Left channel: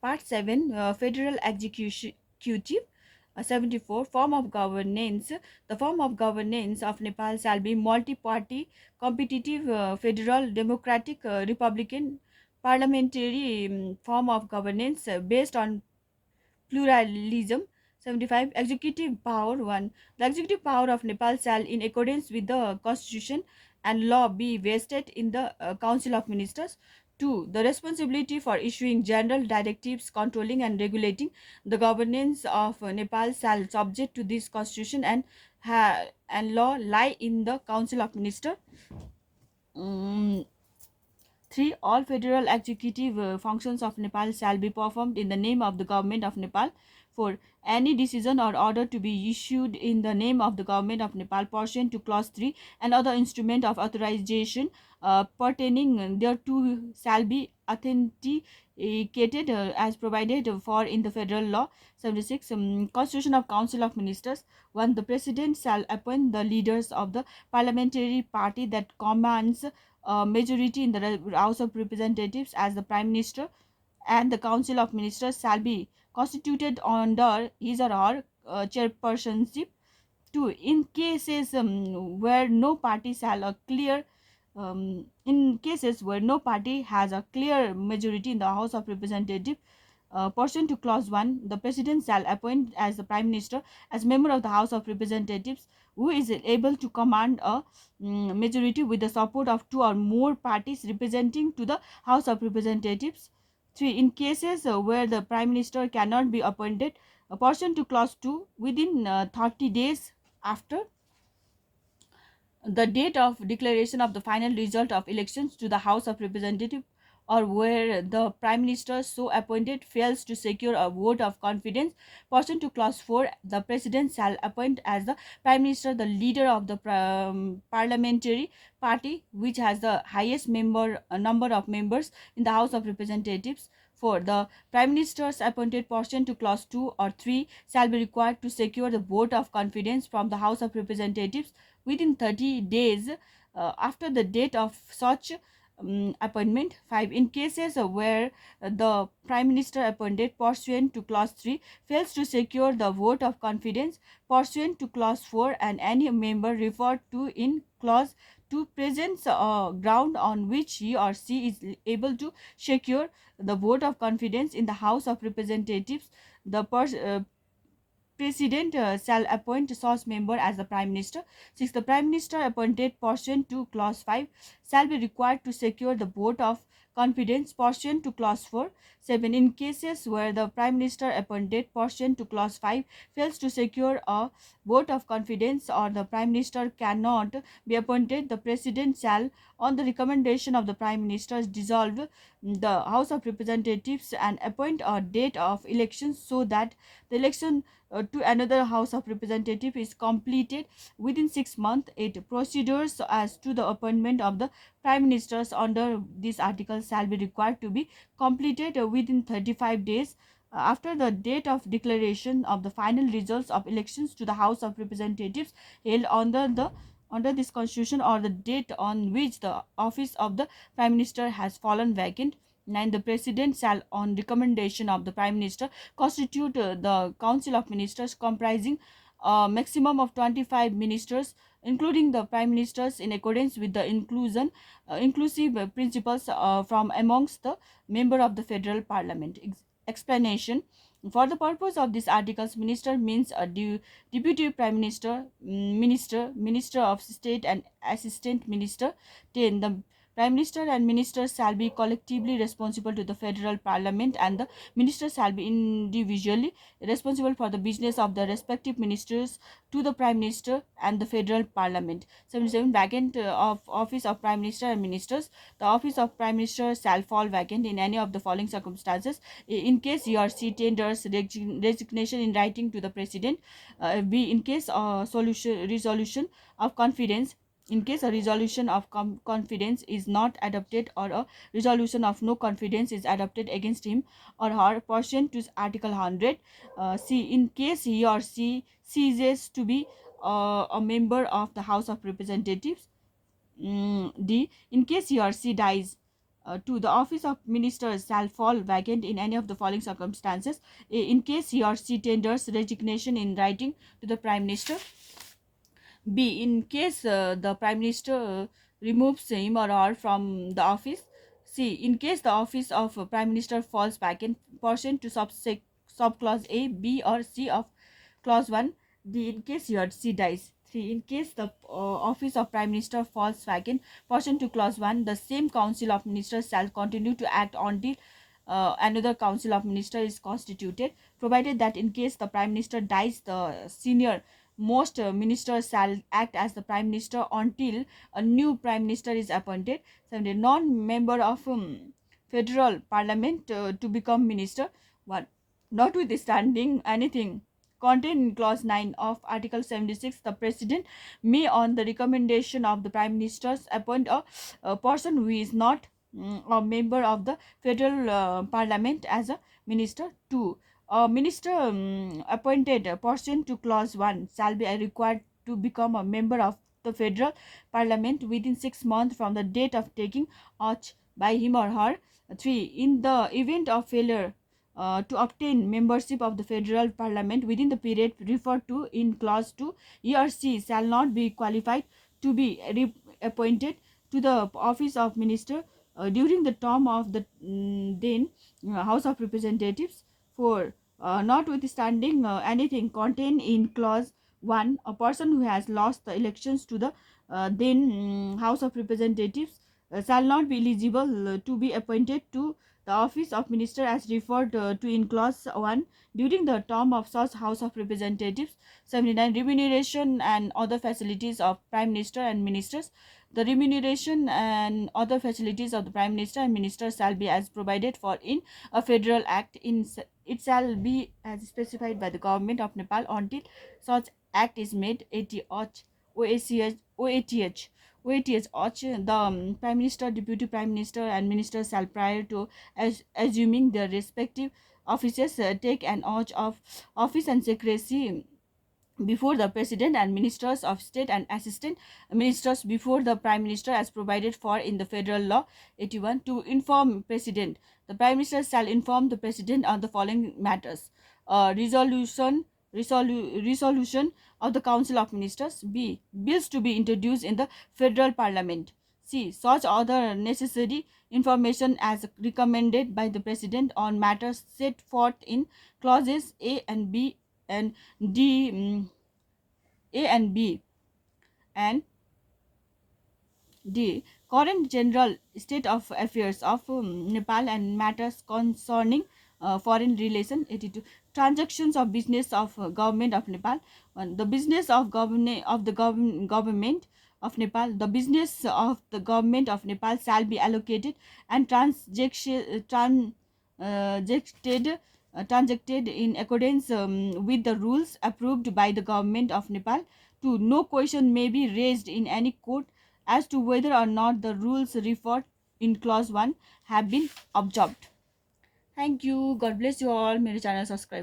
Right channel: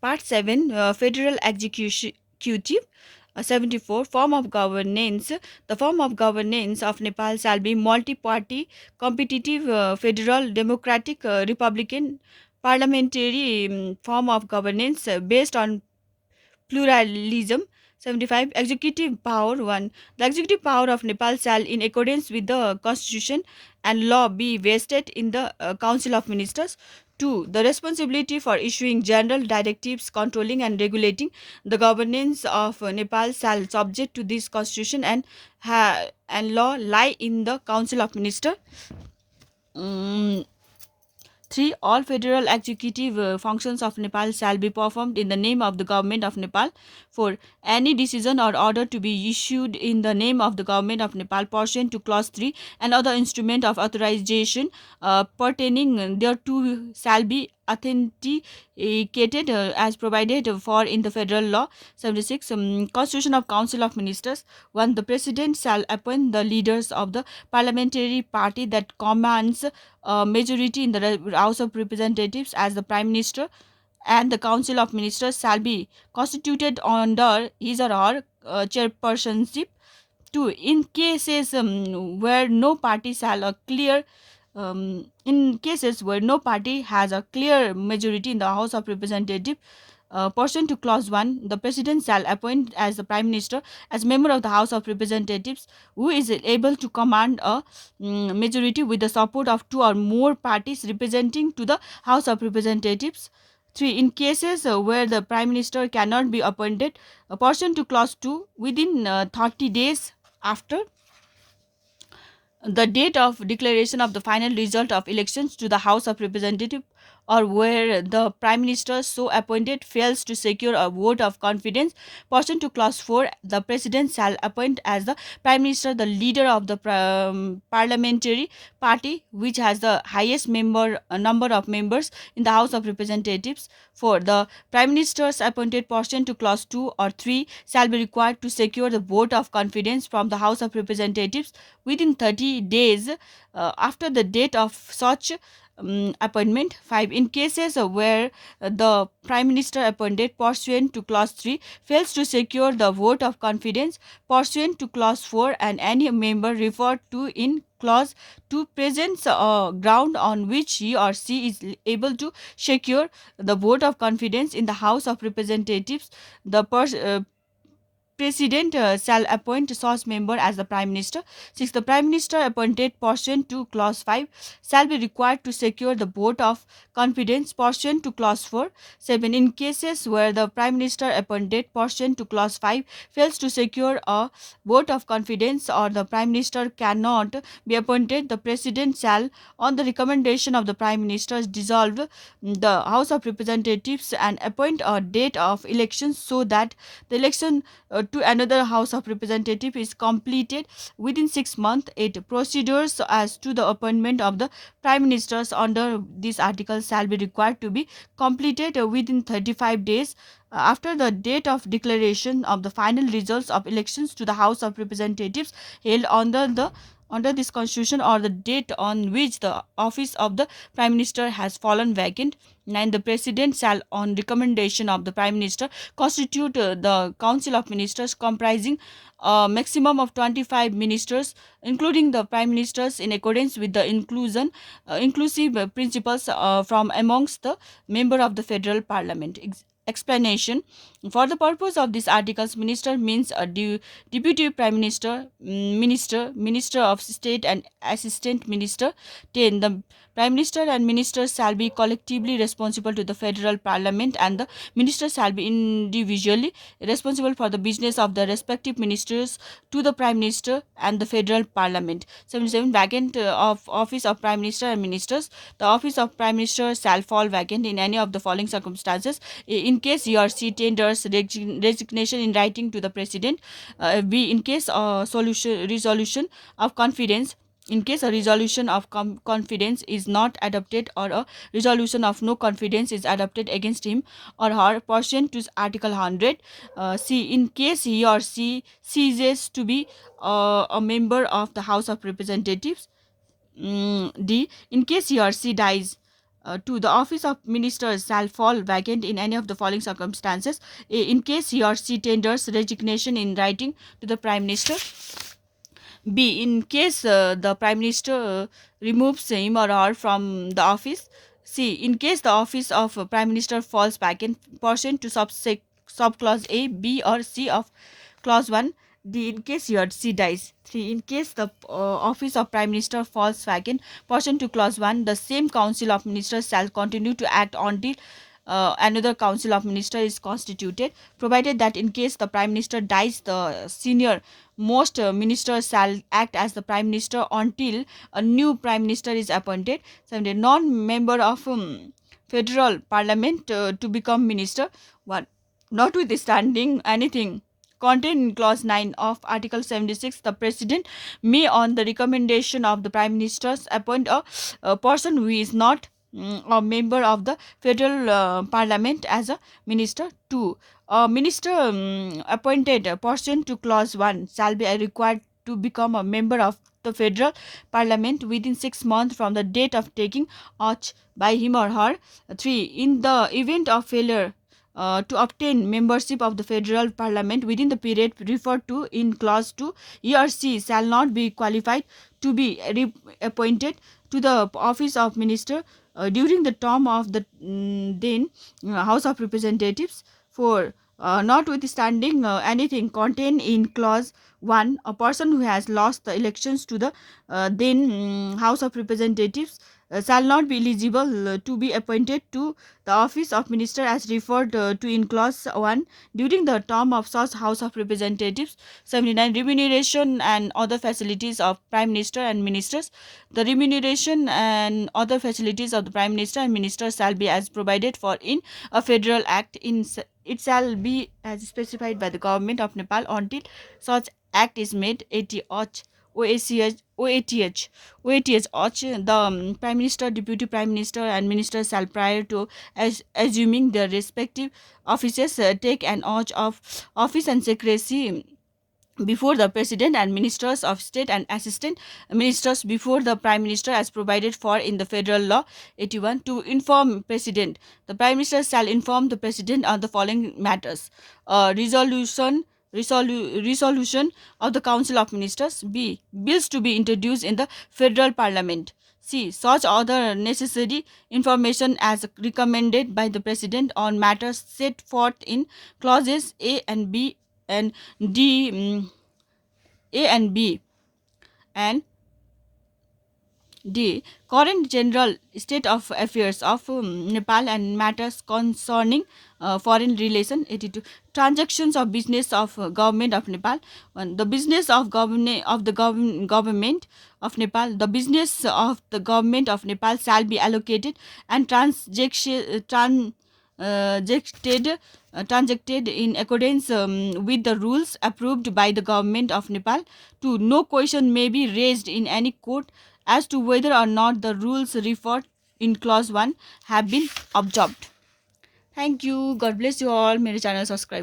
Part 7, Federal Executive. 74, Form of Governance. The form of governance of Nepal shall be multi-party, competitive, federal, democratic, republican, parliamentary form of governance based on pluralism. 75, executive power. 1, the executive power of Nepal shall, in accordance with the constitution and law, be vested in the council of ministers. 2, the responsibility for issuing general directives, controlling and regulating the governance of Nepal shall, subject to this constitution and law, lie in the council of ministers. Mm, 3, all federal executive functions of Nepal shall be performed in the name of the government of Nepal. 4, any decision or order to be issued in the name of the government of Nepal pursuant to clause 3 and other instrument of authorization pertaining thereto shall be authenticated as provided for in the federal law. 76, Constitution of Council of Ministers. 1, the President shall appoint the leaders of the parliamentary party that commands a majority in the House of Representatives as the Prime Minister, and the Council of Ministers shall be constituted under his or her chairpersonship. 2, in cases where no party shall a clear in cases where no party has a clear majority in the House of Representatives, pursuant to clause 1, the president shall appoint as the prime minister as member of the House of Representatives who is able to command a majority with the support of two or more parties representing to the House of Representatives. 3, in cases where the prime minister cannot be appointed, pursuant to clause 2, within 30 days after the date of declaration of the final result of elections to the House of Representatives, or where the Prime Minister so appointed fails to secure a vote of confidence, pursuant to clause 4, the President shall appoint as the Prime Minister the leader of the parliamentary party which has the highest number of members in the House of Representatives. 4, the Prime Ministers appointed pursuant to clause 2 or 3 shall be required to secure the vote of confidence from the House of Representatives within 30 days after the date of such appointment. 5, in cases where the Prime Minister appointed pursuant to clause 3 fails to secure the vote of confidence pursuant to clause 4, and any member referred to in clause 2 presents a ground on which he or she is able to secure the vote of confidence in the House of Representatives, the President shall appoint such member as the Prime Minister. 6, the Prime Minister appointed pursuant to clause 5 shall be required to secure the vote of confidence pursuant to clause 4. 7, in cases where the Prime Minister appointed pursuant to clause 5 fails to secure a vote of confidence, or the Prime Minister cannot be appointed, the President shall, on the recommendation of the Prime Minister, dissolve the House of Representatives and appoint a date of election so that the election to another House of Representative is completed within 6 months. 8, procedures as to the appointment of the Prime Ministers under this article shall be required to be completed within 35 days after the date of declaration of the final results of elections to the House of Representatives held under this constitution, or the date on which the office of the Prime Minister has fallen vacant. 9, the President shall, on recommendation of the Prime Minister, constitute the Council of Ministers comprising a maximum of 25 ministers, including the Prime Ministers, in accordance with the inclusive principles from amongst the member of the Federal Parliament. Explanation: for the purpose of this articles, minister means a deputy prime minister, minister of state, and assistant minister. 10, the Prime Minister and ministers shall be collectively responsible to the federal parliament, and the ministers shall be individually responsible for the business of the respective ministers to the Prime Minister and the federal parliament. 77, vacant of office of Prime Minister and ministers. The office of Prime Minister shall fall vacant in any of the following circumstances: in case he or she tenders resignation in writing to the President; b, in case a resolution of confidence, in case a resolution of confidence is not adopted, or a resolution of no confidence is adopted against him or her pursuant to Article 100. C, in case he or she ceases to be a member of the House of Representatives. D, in case he or she dies. 2. The office of minister shall fall vacant in any of the following circumstances: A, in case he or she tenders resignation in writing to the Prime Minister; B, in case the Prime Minister removes him or her from the office; C, in case the office of Prime Minister falls vacant pursuant to subclause A, B, or C of clause 1; D, in case he or she dies; 3, in case the office of Prime Minister falls vacant pursuant to clause 1, the same Council of Ministers shall continue to act until another Council of Ministers is constituted, provided that in case the Prime Minister dies, the senior most ministers shall act as the Prime Minister until a new Prime Minister is appointed. 17. Non-member of Federal Parliament to become Minister. 1. Notwithstanding anything contained in clause 9 of Article 76, the President may, on the recommendation of the Prime Minister, appoint a person who is not a member of the Federal Parliament as a minister. 2. A minister appointed pursuant to clause 1 shall be required to become a member of the Federal Parliament within 6 months from the date of taking oath by him or her. 3. In the event of failure to obtain membership of the Federal Parliament within the period referred to in clause 2, he or she shall not be qualified to be appointed to the office of minister during the term of the then House of Representatives. 4. Notwithstanding anything contained in clause 1, a person who has lost the elections to the then House of Representatives shall not be eligible to be appointed to the office of minister as referred to in clause 1 during the term of such House of Representatives. 79. Remuneration and other facilities of Prime Minister and Ministers. The remuneration and other facilities of the Prime Minister and Ministers shall be as provided for in a federal act. It shall be as specified by the government of Nepal until such act is made. 80. OATH. The Prime Minister, Deputy Prime Minister, and Ministers shall, prior to assuming their respective offices, take an oath of office and secrecy before the President and Ministers of State and Assistant Ministers before the Prime Minister as provided for in the federal law. 81. To inform President. The Prime Minister shall inform the President on the following matters: resolution of the Council of Ministers; B, bills to be introduced in the Federal Parliament; C, such other necessary information as recommended by the President on matters set forth in clauses A and B and D, A and B and D. Current general state of affairs of Nepal and matters concerning foreign relation. 82. Transactions of business of government of Nepal. 1. The business of government of Nepal. The business of the government of Nepal shall be allocated and transacted in accordance with the rules approved by the government of Nepal. 2. No question may be raised in any court as to whether or not the rules referred in clause 1 have been observed. Thank you. God bless you all. मेरे channel subscribe.